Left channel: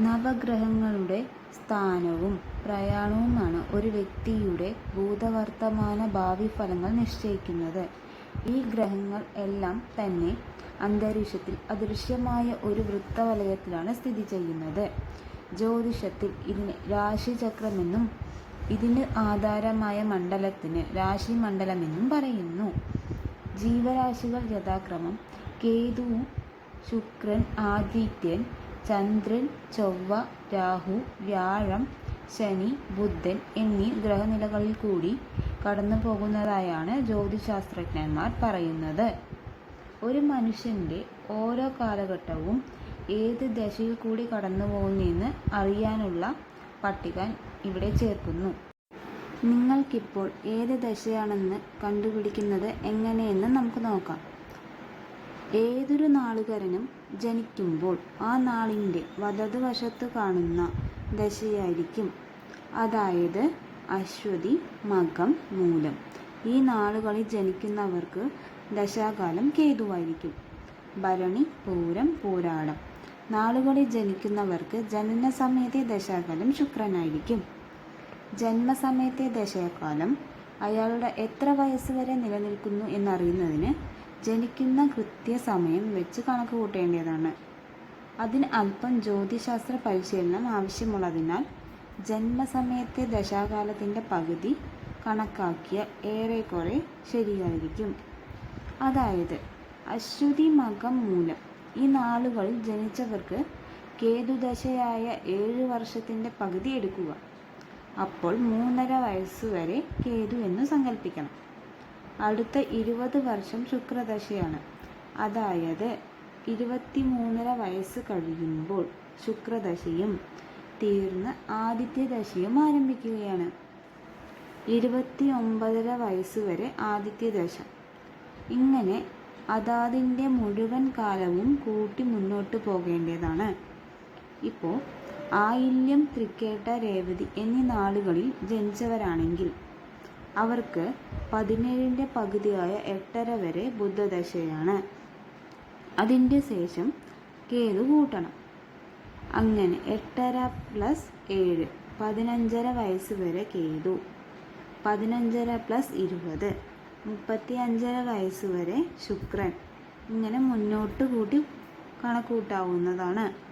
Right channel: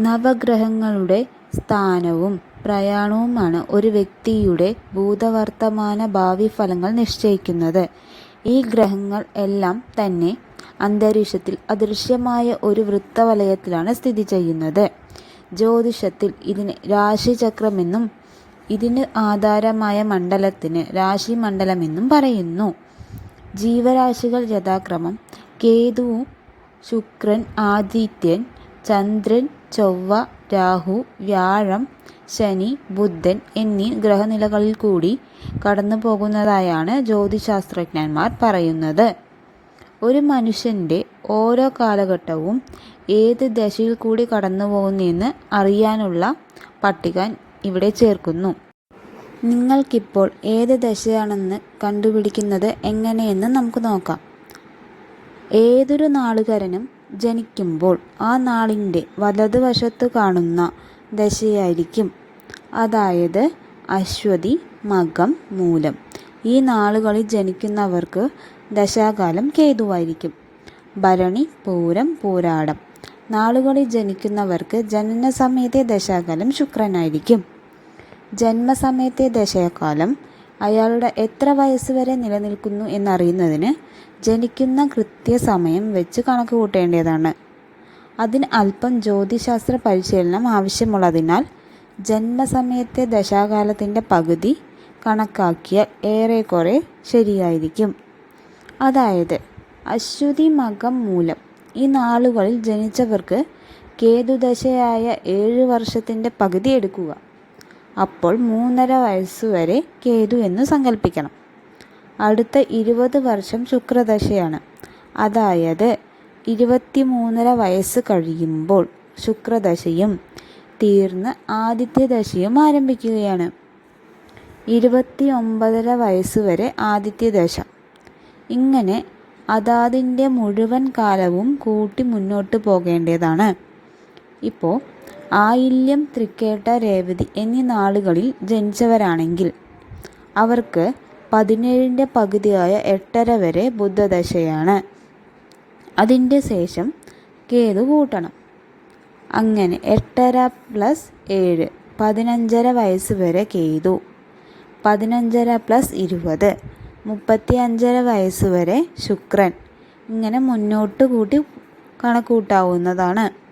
നവഗ്രഹങ്ങളുടെ സ്ഥാനവും പ്രയാണവുമാണ് ഒരു വ്യക്തിയുടെ ഭൂതവർത്തമാന ഭാവി ഫലങ്ങൾ നിശ്ചയിക്കുന്നത്. ഈ ഗ്രഹങ്ങൾ എല്ലാം തന്നെ അന്തരീക്ഷത്തിൽ അദൃശ്യമായ ഒരു വൃത്തവലയത്തിലാണ് സ്ഥിതി ചെയ്യുന്നത് ജ്യോതിഷത്തിൽ ഇതിന് രാശിചക്രമെന്നും ഇതിന് ആധാരമായ മണ്ഡലത്തിന് രാശിമണ്ഡലമെന്നും പറയുന്നു. ജീവരാശികൾ യഥാക്രമം കേതു, ശുക്രൻ, ആദിത്യൻ, ചന്ദ്രൻ, ചൊവ്വ, രാഹു, വ്യാഴം, ശനി, ബുധൻ എന്നീ ഗ്രഹനിലകളിൽ കൂടി കടന്നു പോകുന്നതായാണ് ജ്യോതിശാസ്ത്രജ്ഞന്മാർ പറയുന്നത്. ഒരു മനുഷ്യന്റെ ഓരോ കാലഘട്ടവും ഏത് ദശയിൽ കൂടി കടന്നു പോകുന്നതെന്ന് അറിയാനുള്ള പട്ടിക ഇവിടെ ചേർക്കുന്നു. നിങ്ങൾക്കിപ്പോൾ ഏത് ദശയാണെന്ന് കണ്ടുപിടിക്കുന്നത് എങ്ങനെയെന്ന് നമുക്ക് നോക്കാം. ഏതൊരു നാളുകാരനും ജനിക്കുമ്പോൾ ആ നാളിന്റെ വലതുവശത്ത് കാണുന്ന ദശയായിരിക്കും. അതായത് അശ്വതി, മകം, മൂലം ഈ നാളുകളിൽ ജനിക്കുന്നവർക്ക് ദശാകാലം കേതുവായിരിക്കും. ഭരണി, പൂരം, പൂരാടം നാളുകളിൽ ജനിക്കുന്നവർക്ക് ജനനസമയത്തെ ദശാകാലം ശുക്രനായിരിക്കും. ജന്മസമയത്തെ ദശാകാലം അയാളുടെ എത്ര വയസ്സ് വരെ നിലനിൽക്കുന്നു എന്നറിയുന്നതിന് ജനിക്കുന്ന കൃത്യസമയം വെച്ച് കണക്ക് കൂട്ടേണ്ടതാണ് അതിന് അല്പം ജ്യോതിശാസ്ത്ര പരിശീലനം ആവശ്യമുള്ളതിനാൽ ജന്മസമയത്തെ ദശാകാലത്തിന്റെ പകുതി കണക്കാക്കിയാൽ ഏറെക്കുറെ ശരിയായിരിക്കും. അതായത് അശ്വതി, മകം, മൂലം ഈ നാളുകളിൽ ജനിച്ചവർക്ക് കേതുദശയായ ഏഴ് വർഷത്തിന്റെ പകുതി എടുക്കുക. അപ്പോൾ മൂന്നര വയസ്സുവരെ കേതു എന്ന് സങ്കല്പിക്കണം. അടുത്ത ഇരുപത് വർഷം ശുക്രദശയാണ്. അതായത് ഇരുപത്തി മൂന്നര വയസ്സ് കഴിയുമ്പോൾ ശുക്രദശയും തീർന്ന് ആദിത്യദശയും ആരംഭിക്കുകയാണ്. ഇരുപത്തി ഒമ്പതര വയസ്സുവരെ ആദിത്യദശ. ഇങ്ങനെ അതാതിന്റെ മുഴുവൻ കാലവും കൂട്ടി മുന്നോട്ട് പോകേണ്ടതാണ്. ഇപ്പോ ആയില്യം, തൃക്കേട്ട, രേവതി എന്നീ നാളുകളിൽ ജനിച്ചവരാണെങ്കിൽ അവർക്ക് പതിനേഴിന്റെ പകുതിയായ എട്ടര വരെ ബുദ്ധദശയാണ് അതിന്റെ ശേഷം കേതു കൂട്ടണം. അങ്ങനെ എട്ടര പ്ലസ് ഏഴ് പതിനഞ്ചര വയസ്സ് വരെ കേതു. പതിനഞ്ചര പ്ലസ് ഇരുപത് മുപ്പത്തി അഞ്ചര വയസ്സ് വരെ ശുക്രൻ. ഇങ്ങനെ മുന്നോട്ട് കൂട്ടി കണക്കുകൂട്ടാവുന്നതാണ്.